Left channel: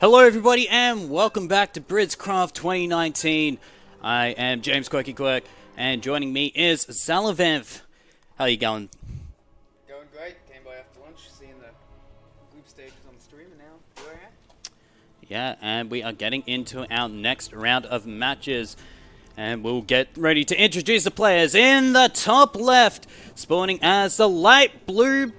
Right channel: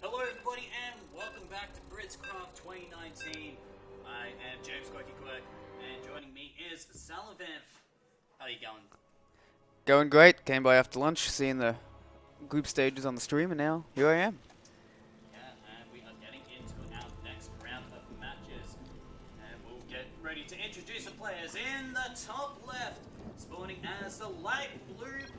Hello everybody and welcome back to BrisCraft 2019. I am James Quirky Quirk and joining me is Zalavanth. How are you going? Going great. Came by after lunch, seeing the group stages on the stream, and now here I am. Yeah, and we are getting into our next round of matches. And we'll get ready to introduce the players. In the top left, spawning as the light blue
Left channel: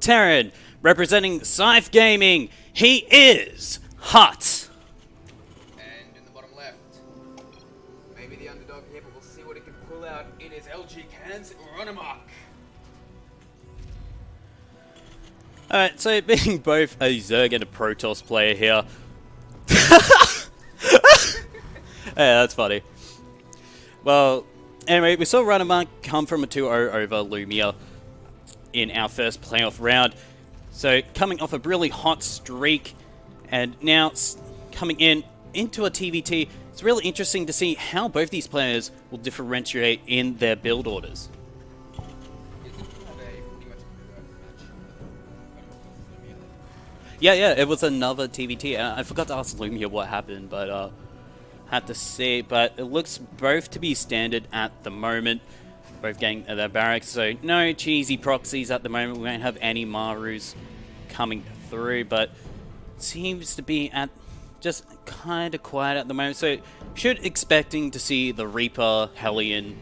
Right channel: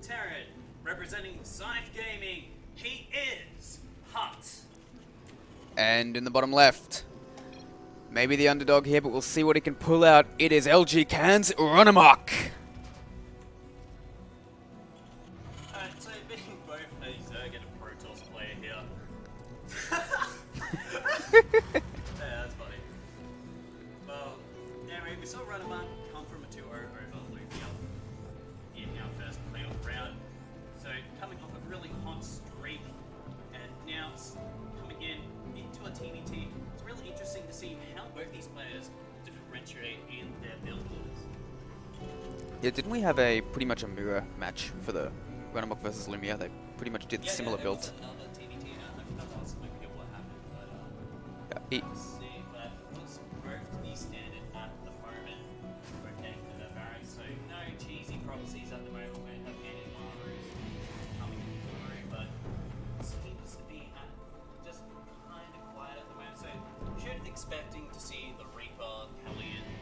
Terran, representing Scythe Gaming, he is HuT. And in the bottom left, maybe the underdog here, but we'll see what he can pull out. It is LG Can's RunaMoK. Alright, so being both a Zerg and a Protoss player here. Yeah, that's funny. Well, anyway, we saw RunaMoK come from a 2-0 over Lumia in our first playoff round. So, coming off a really hot streak, and now coming into a TvT, it's really interesting to see how both these players will differentiate in their build orders. Yeah, didn't we have a pretty much a mirror match for the RunaMoK versus Lumia? They pretty much did. Yeah, it was another TvT. I forgot to ask Lumia what happened, but had to see. But it looks both to be standard at the moment. Both getting their barracks, so no cheesy proxies at the moment. We won't have any Marus coming through, but seems to be at just kind of quiet at the moment. So should expecting to see the Reaper Hellion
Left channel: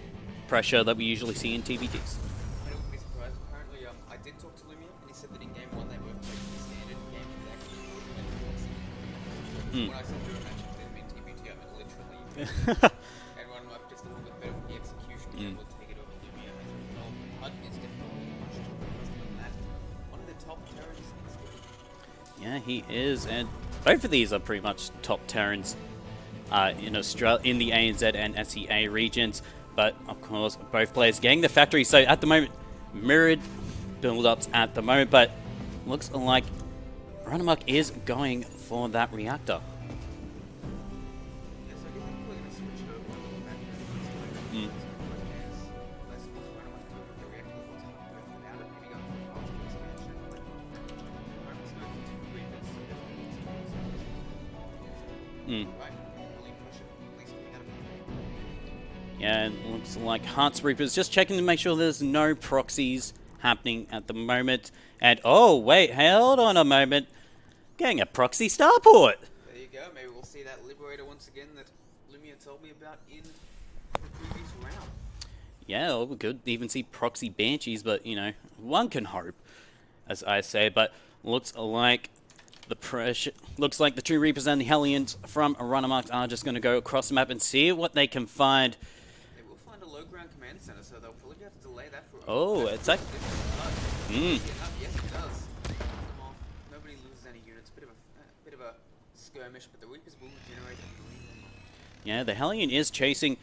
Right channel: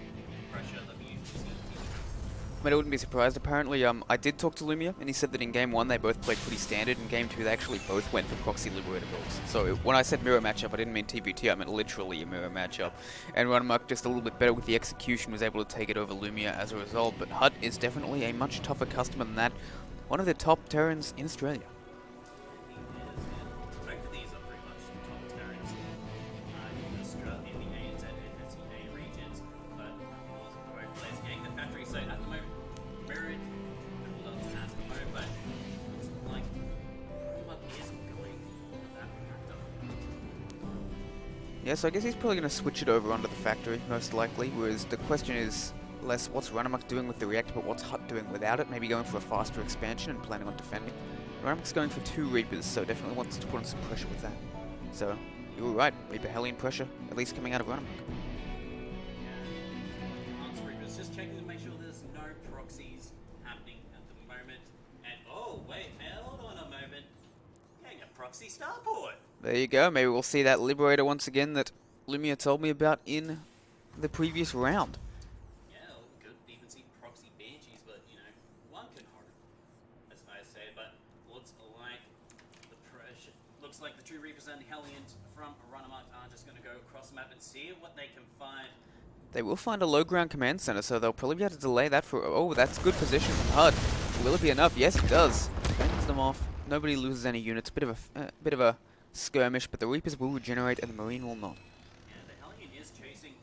pressure that we usually see in TvTs. I mean, I wouldn't be surprised. Apparently, I did talk to Lumia, and he said that in Game 1 they both played pretty standard. In Game 2 they actually both went for Proxy Liberator builds. So when I said mirror matchup, I didn't mean TvT, I meant literally a mirror matchup. And RunaMoK just a little bit better with the execution, was able to take it over Lumia as a result. But HuT is definitely a much tougher customer than that. One of the top Terrans in Australia. Yeah, he is, and both of these are pretty much top Terrans in Australia, in the ANZ and SEA regions. But of course, both players getting the factory. So at the moment, mirrored build-ups at the moment, but looks like RunaMoK is going for that reactor. Yeah, so I guess he's probably going to switch it over onto the factory, most likely. Whereas the question is less what's RunaMoK doing with the reactor, but what's HuT doing without it? Maybe going for a faster expansion and planning on defending. RunaMoK's going for 2 Reapers, so definitely wants to put on some pressure with that. So, you're right, Reaper Hellion pressure, at least coming out of RunaMoK. Yeah, it looks like HuT's Reapers just checking to make sure there's no proxies happening at the moment. And, oh, wait, hold on a moment. Getting a proxy starport. There you go, maybe we'll see that Liberator once again that Lumia told me about in the previous round. Yeah, well, we could even see proxy Banshees, but, you know, one can hope, as I say. But looks like the pressure... Looks like the 2 Reapers and the Hellions from RunaMoK are just going to go across the map and see what they can find. They will find a low ground command center, so they'll probably be able to delay that for... Oh, that's a good like position from HuT. Will it be enough? Yes, it does. Cuts them off. Nobody loses any units. Bit of a skirmish, but the Reapers will regenerate and the Marine will not. Yeah, the Hellion is chasing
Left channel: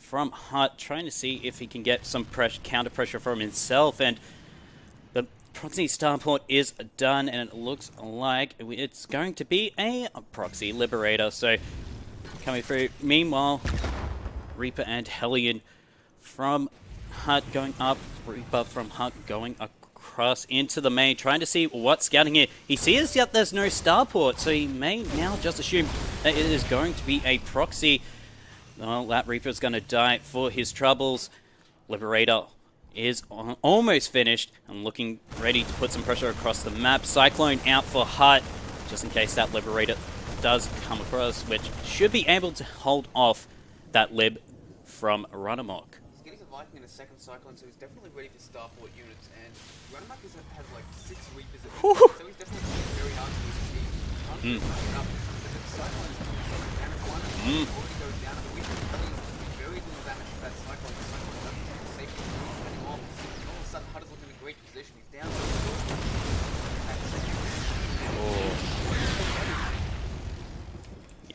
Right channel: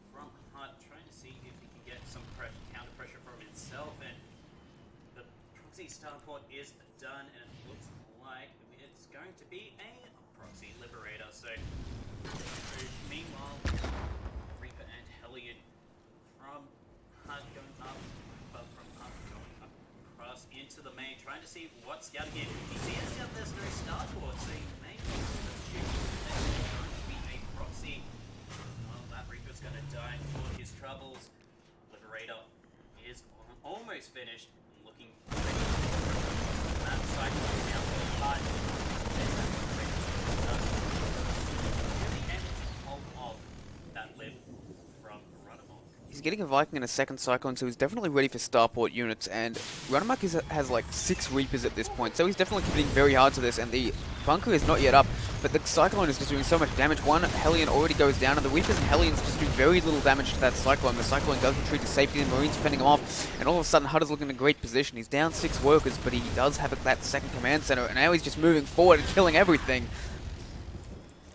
from HuT, trying to see if he can get some counter pressure from himself, and the proxy starport is done, and it looks like it's going to be a proxy liberator. So coming through. Meanwhile, Reaper and Hellion from HuT going up, Reaper from HuT going across into the main, trying to see what's scouting here. He sees that there's no starport, so he may now just assume that it is going to be a proxy. Well, that Reaper's going to die for his troubles. Liberator is almost finished and looking ready to put some pressure across the map. Cyclone out for HuT, just in case that Liberator does come across, which should be able to hold off that Lib from RunaMoK. He's getting a Viking and a second Cyclone, so he's definitely ready for starport units, and RunaMoK has like 6 Reapers at this point, so he's definitely committing very hard to this, and the bunker is not yet up, but the Cyclone is just doing so much damage. One Hellion already goes down, and the Reapers and Hellions just do very little damage to that Cyclone. The Cyclone does retreat to safety, and the Marines fending him off, and all of a sudden HuT is looking in a great position. He's down 6 workers, but he does have that second command center, and now he's just moving forward and killing everything.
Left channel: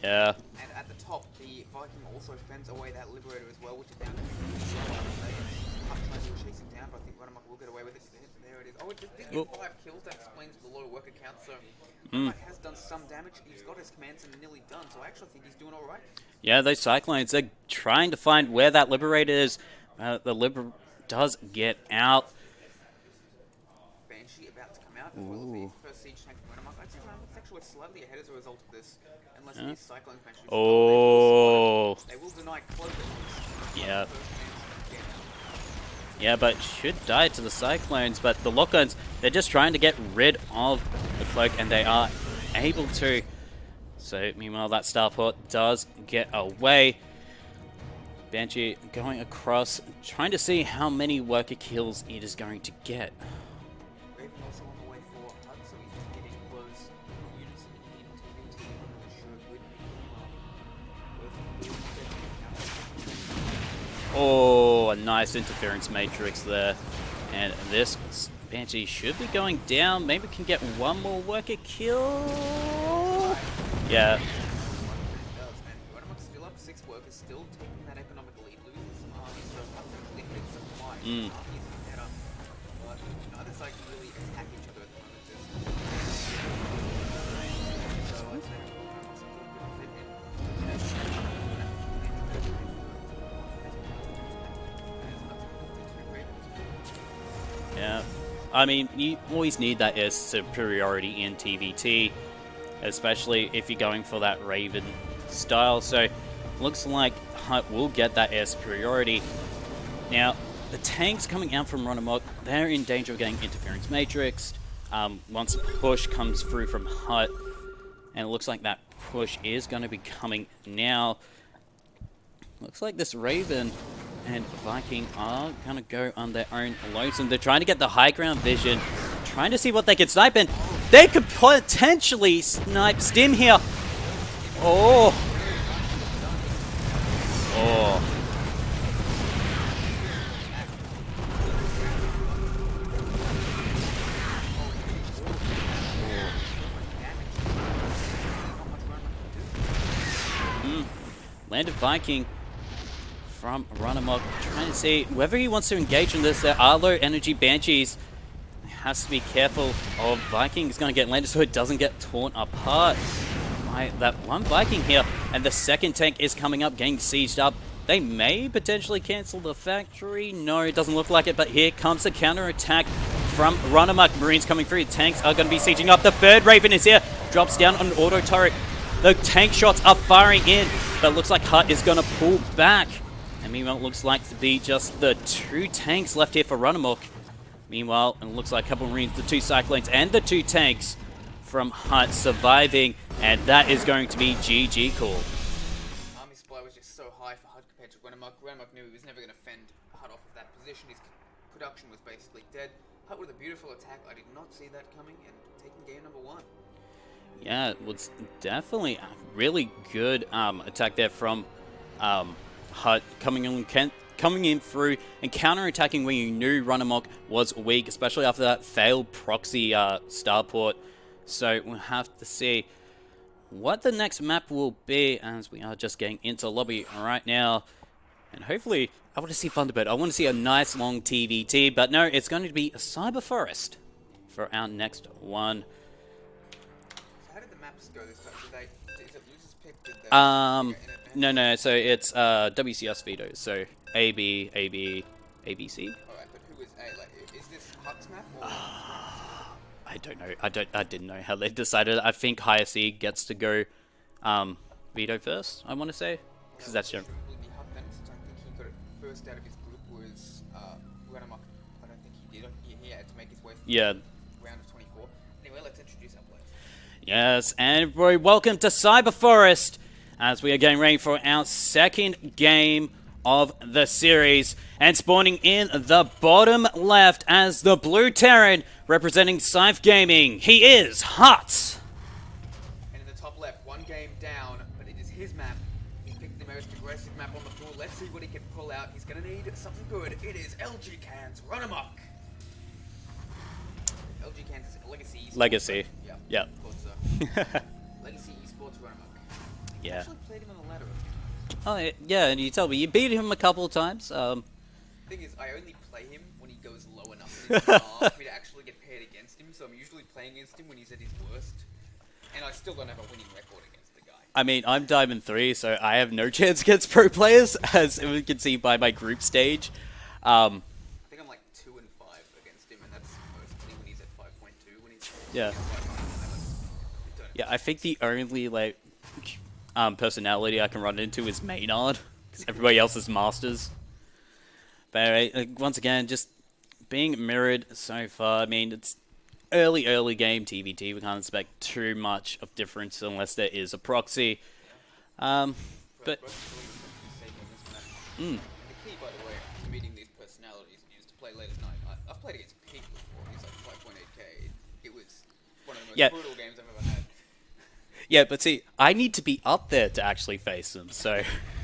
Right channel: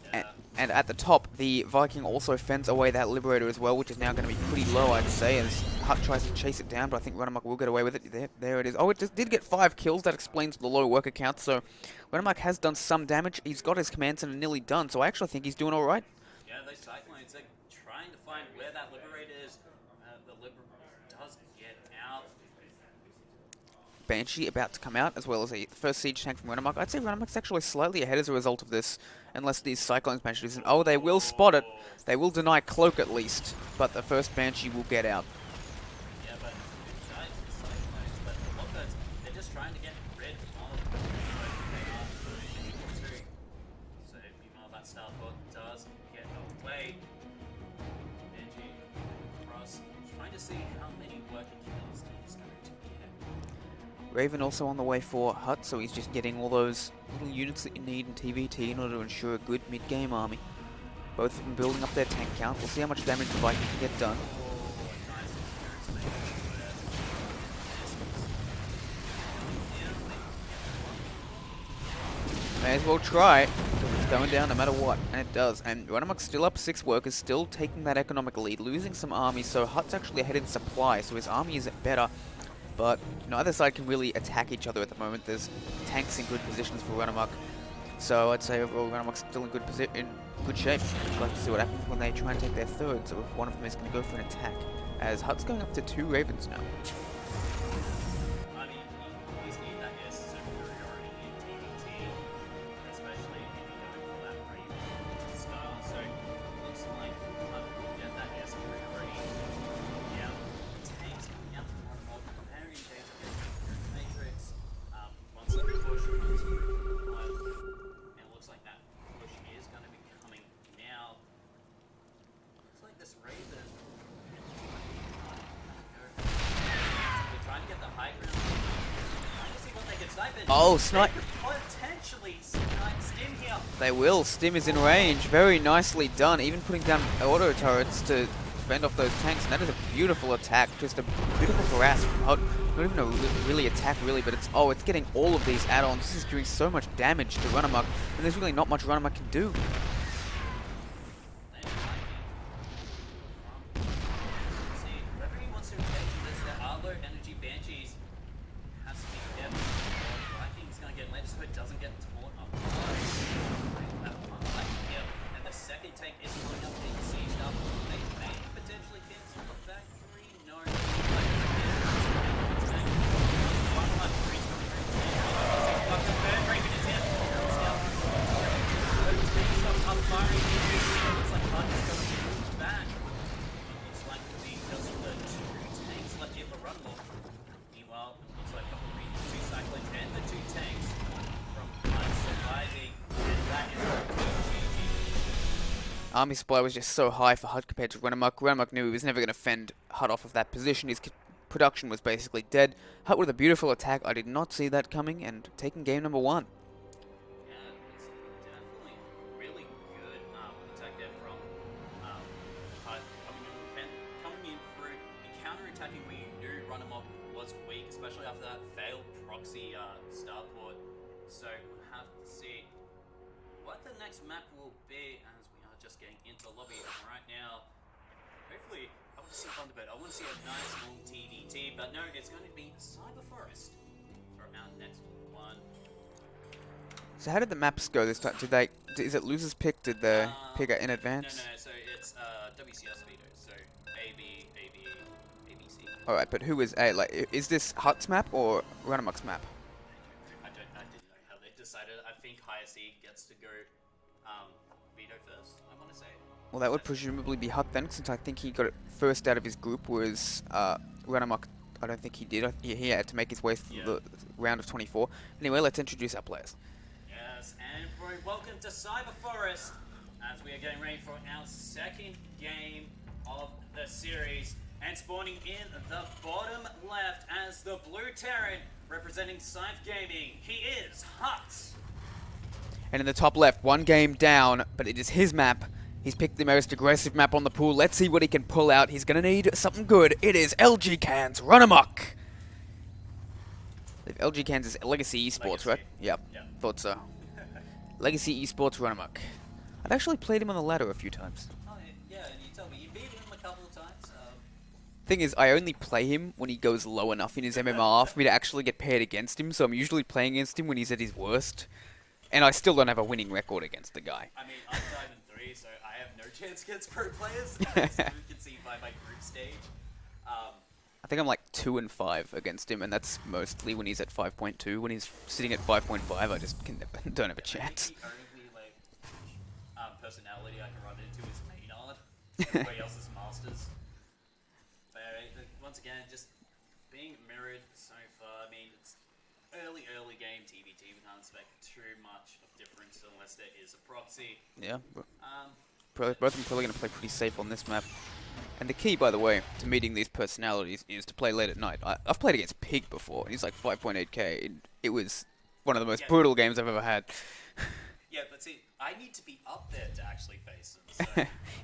Yeah. And at the top, the Viking also fends away that Liberator as well, which is now going to be pretty low, I'd say, as HuT tries to chase it down, but I think RunaMoK will get away with it. There it is. Oh, it just did get 5 kills. That explains the low worker count, so RunaMoK has done some damage. He's got his command center nearly done, so I actually think he's doing all right. Yeah, those Cyclones, they're trying to find where that Liberator is. The Liberator does get out. Banshee about to come out, as well as the first siege tank from RunaMoK. I'd say RunaMoK's actually slightly ahead as a result of this, unless these Cyclones Banshees... Oh, they will spot it. They will deny Cloak at least, but the first Banshee will get out. Yeah, but should die to the Cyclones, but the Lock-ons, they're just trying to get rid of the Cloak, and they are able to. So, meanwhile, that Starport does get away. Banshee going across, trying to see how many worker kills it is going to get. Raven also on the way for HuT, so he's just getting all those units that you need in TvT in order to ensure a good mid-game army. Both of them building up their tank count. We'll see how much damage the Viking can get done. Oh, a nice interference matrix there. And this Banshee should be going down. Maybe can get one more worker kill. And we'll try. Yeah. Going down no matter what. And it does. And RunaMoK's still up 6 workers, still taking that economic lead, losing some armies. So HuT's actually ahead in supply, so his army is better. But neither side can really attack each other at the moment. There's tanks in good positions for RunaMoK. So I'd say overall RunaMoK's still in good shape. I'd like to see what happens when they try to get their third. So if one of them is going to go for an attack. As HuT's going up to 2 Ravens now. Yeah. I mean, you always need that air superiority in TvT, especially if you're going for that Raven style. So looks like HuT will get that air superiority. Now, the tanks coming out from RunaMoK, they're in danger of getting interference matrixed. Once a push comes through from HuT, and it looks like that push is going to be coming now. Looks like this Raven and Viking are going to go on their own lonesome. They're trying to get the high ground vision, trying to see what they can snipe, and they could potentially snipe Stim here. They will. Stim is in range. Very nicely done. Even putting down auto turrets to fend off those tanks. That was a beautiful attack. Just a beautiful grasp. Not even a really attack, really, but it's getting all of these add-ons. It's doing so much damage to RunaMoK. There's really not much RunaMoK can do. Landed Viking from RunaMoK, trying to see whether he wants to engage in this. There are low energy Banshees. Has to be careful of Viking. Is going to get landed so it doesn't get torn apart by that one Viking here. And the second tank is coming up, getting sieged up. They may potentially cancel the factory. No, it doesn't look like it, but here comes a counter-attack from RunaMoK. Marines coming through. Tanks are going to be sieging up. The third Raven is here. Drops down on an auto turret. The tank shots are firing in, but it looks like HuT is going to pull back. And meanwhile, it looks like to be just the 2 tanks left here for RunaMoK. Meanwhile, it looks like a couple of Marines, the 2 Cyclones, and the 2 tanks from HuT surviving, and that is going to be GG call. Army supply was just so high for HuT compared to RunaMoK. RunaMoK knew he was never going to fend HuT off of that position. His production was basically dead. HuT with a beautiful attack. I did not see that coming, and taking game number 1. Yeah, it was definitely a really good attack there from HuT coming in through and counter-attacking when you knew RunaMoK was weak, especially after that failed proxy starport. So we'll have to see what the next map will be, as we are just getting into lobby right now. And hopefully, I want to see Thunderbird. I want to see a nice long TvT, but no, it's going to be a Cyber Forest for our next one. So how did the maps go this time? Is it loser's pick? Did they pick it in advance? No. So it's WCS veto. So AB, AB, ABC. All right, but who is A? Like, is this HuT's map or RunaMoK's map? I don't know. I didn't know how they decided. I think Higher C gets to go veto first, I want to say. Well, that would presumably be HuT then, since I think he got it first out of his group, whereas RunaMoK, I don't think he did. He had to make his way through the round of 24. Anyway, let's introduce our players. Yes, and very welcome to Cyber Forest, as we are getting ready for our second game of the series. And spawning in the bottom left as the Blue Terran, representing Scythe Gaming, he is HuT. And in the top left, 1 game down, but it is his map. He's picked the most aggressive map on the pool. Let's see what he can pull out. He's going to need something good. It is LG Cans RunaMoK. LG Cans is Legacy Esports, Legacy. Right? Yep. Yeah. Thought so. Legacy Esports RunaMoK. I've actually played him on the ladder a few times. Oh, yeah, and you tell me, you beat him a couple of times. Thing is, I only play him when he goes low enough in his MMR for me to actually get paired against him, so I'm usually playing against him when he's at his worst. And I still don't have a winning record against the guy. I mean, I'm Diamond 3, so I have no chance against pro players, as we can see by my group stage. I think I'm like 2 and 5 against him, and that's mostly when he's at 5.2. When he's sitting Yeah. at 5.5, I just don't have a Yeah, I think chance. the only like personality I can run into is Maynard. 'Cause everybody else is masters. But anyway, once again, just being mirrored so far. I mean, it's early game TvT. We can't expect too much of difference unless there is a proxy. Yeah. But Both of them probably going to play pretty safe on this map. mm, And the key, by the way, to meeting these personalities is to play late at night. I've played against Pig before. He's like 5.8k. It was one of the most brutal games I've ever had. yeah, but see, I need to be up there to actually face them. So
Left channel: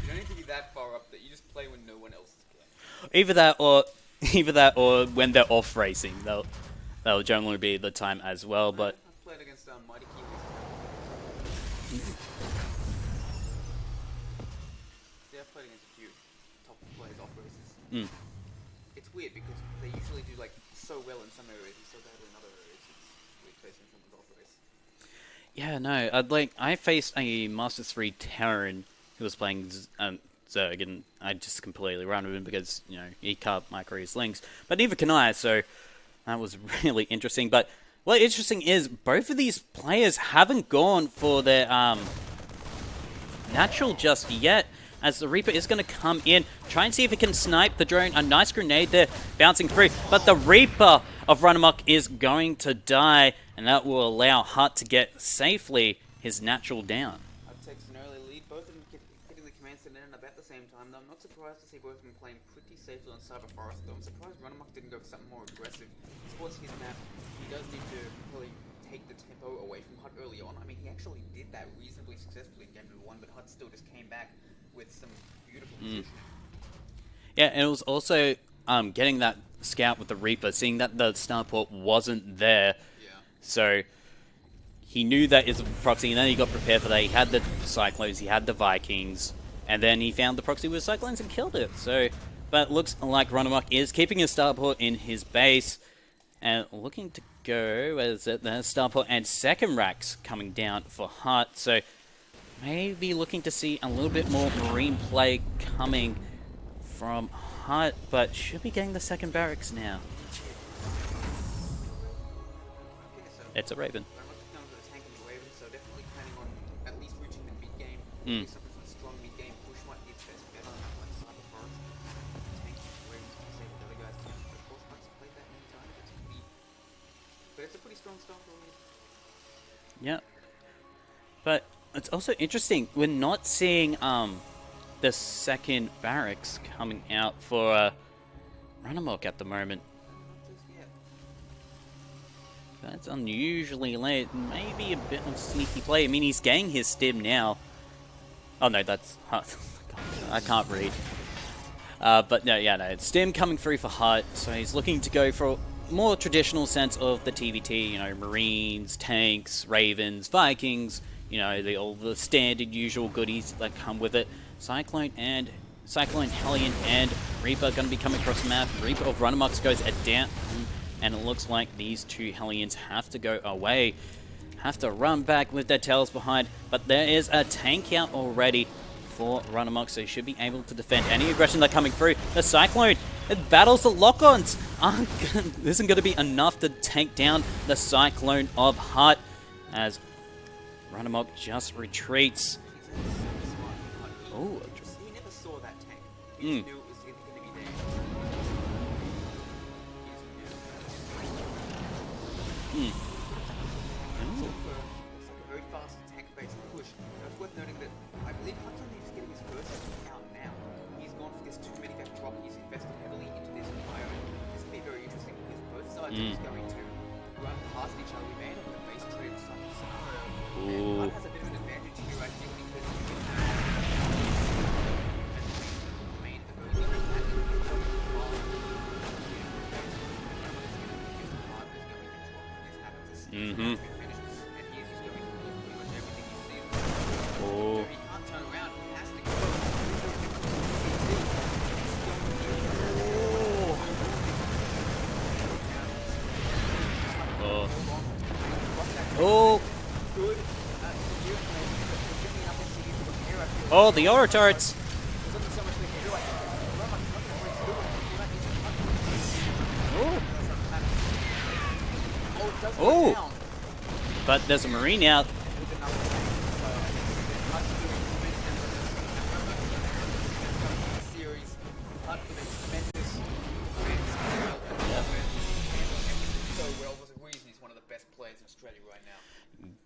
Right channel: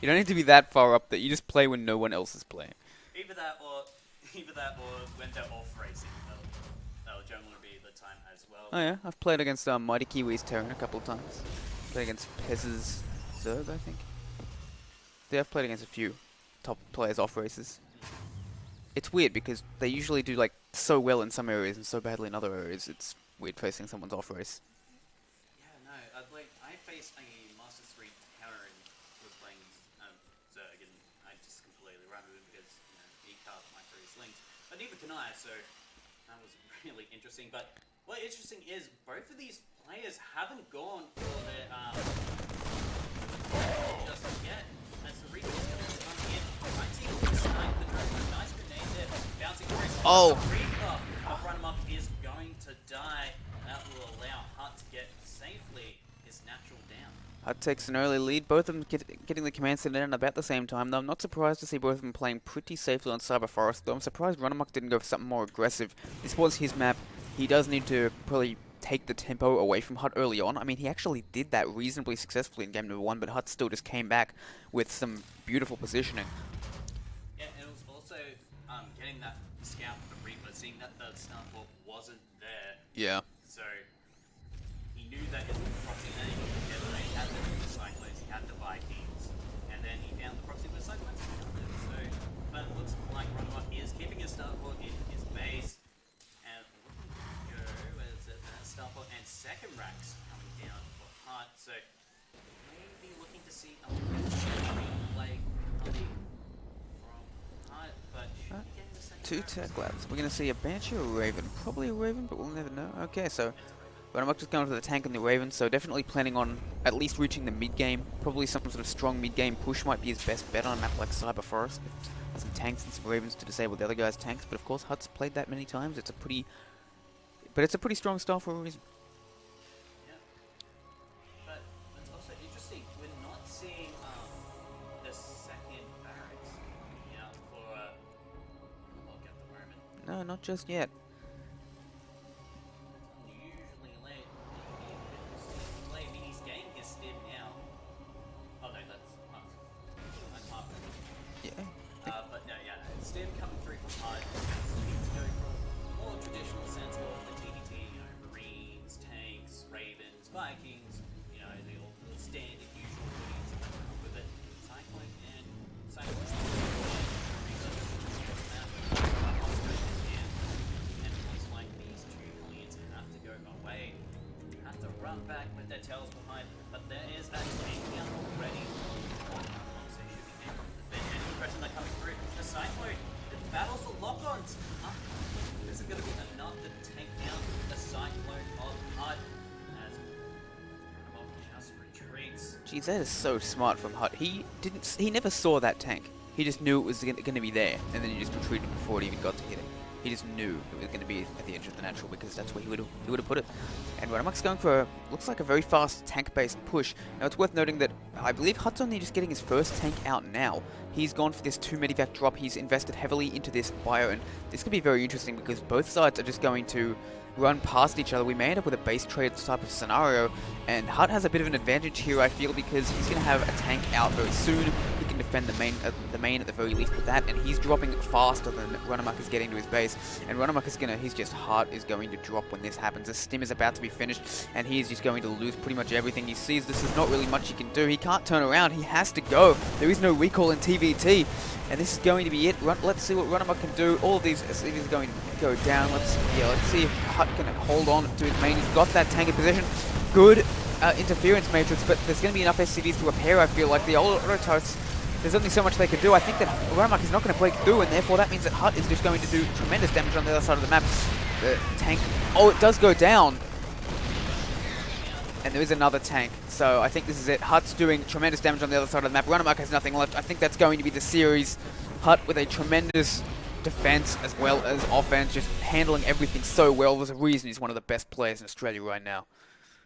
You don't need to be that far up there. You just play when no one else is playing. either that or when they're off racing, that'll generally be the time as well. Oh, But yeah. I've played against Mighty Kiwis Terran a couple of times. Played against Pess's Zerg, I think. Yeah, I've played against a few top players off races. It's weird because they usually do like so well in some areas and so badly in other areas. It's weird facing someone's off race. yeah, no, I faced a Masters 3 Terran who was playing Zerg, and I just completely ran with him because, you know, he can't micro his links. But neither can I, so that was really interesting. But what interesting is both of these players haven't gone for their natural just yet, as the Reaper is going to come in, try and see if he can snipe the drone. A nice grenade there, bouncing through. But the Reaper of RunaMoK is going to die, and that will allow HuT to get safely his natural down. HuT takes an early lead, both of them getting the command center in about the same time, though I'm not surprised to see both of them playing pretty safely on Cyber Forest, though I'm surprised RunaMoK didn't go for something more aggressive. This was his map. He does need to probably take the tempo away from HuT early on. I mean, he actually did that reasonably successfully in game number 1, but HuT still just came back with some beautiful positioning. Yeah, and it was also getting that scout with the Reaper, seeing that the starport wasn't there. Yeah. So he knew that it's a proxy, and then he got prepared for that. He had the Cyclones, he had the Vikings, and then he found the proxy with Cyclones and killed it. So, but it looks like RunaMoK is keeping his starport in his base and looking to go as the starport and second racks coming down for HuT. So maybe looking to see a little bit more green play coming from HuT, but should be getting the second barracks now. We're going to see a Banshee or a Raven. Probably a Raven, but we'll never know. Okay, so It's a Raven. RunaMoK just going for the tank and the Raven, so definitely planning on at least reaching the mid-game. Probably some sort of strong mid-game push might be his best bet on a map like Cyber Forest. Some tanks and some Ravens to disable the other guy's tanks, but of course HuT's played that many times. It's a pretty strong style for a reason. Yeah. But it's also interesting, we're not seeing the second barracks coming out for RunaMoK at the moment. No, not just yet. That's unusually late. Maybe a bit of sneaky play. I mean, he's getting his stim now. Oh no, that's HuT. I can't read. But no, yeah, no, it's stim coming through for HuT, so he's looking to go for a more traditional sense of the TvT, you know, Marines, tanks, Ravens, Vikings, you know, all the standard usual goodies that come with it. Cyclone, Hellion, and Reaper going to be coming across the map. Reaper of RunaMoK goes down, and it looks like these two Hellions have to go away. Have to run back with their tails behind, but there is a tank out already for RunaMoK, so he should be able to defend any aggression that's coming through. The Cyclone, it battles the lock-ons. Isn't going to be enough to tank down the Cyclone of HuT, as RunaMoK just retreats. Geez, that is so smart from HuT. He never saw that tank. He just knew it was going to be there, and then he just retreated before it even got to hit it. He just knew it was going to be the natural, because that's where he would have put it. And RunaMoK's going for, looks like a very fast tank-based push. Now, it's worth noting that I believe HuT's only just getting his first tank out now. He's gone for this 2 medivac drop. He's invested heavily into this bio, and this could be very interesting because both sides are just going to run past each other. We may end up with a base trade type of scenario, and HuT has a bit of an advantage here, I feel, because he's going to have a tank out very soon. He can defend the main at the very least with that, and he's dropping faster than RunaMoK is getting to his base. And RunaMoK is HuT is going to drop when this happens. The stim is about to be finished, and he is just going to lose pretty much everything. He sees this is not really much he can do. He can't turn around. He has to go. There is no recall in TvT, and this is going to be it. Let's see what RunaMoK can do. All of these things are going to go down. Let's see if HuT can hold on to his main. He's got that tank in position. Good interference matrix, but there's going to be enough SCVs to repair, I feel like. The auto turrets. there's only so much they can do. I think that RunaMoK is not going to break through, and therefore that means that HuT is just going to do tremendous damage on the other side of the map. The tank, oh, it does go down. But there's a Marine out. And there is another tank, so I think this is it. HuT's doing tremendous damage on the other side of the map. RunaMoK has nothing left. I think that's going to be the series. HuT with a tremendous defense as well as offense, just handling everything so well. There's a reason he's one of the best players in Australia right now.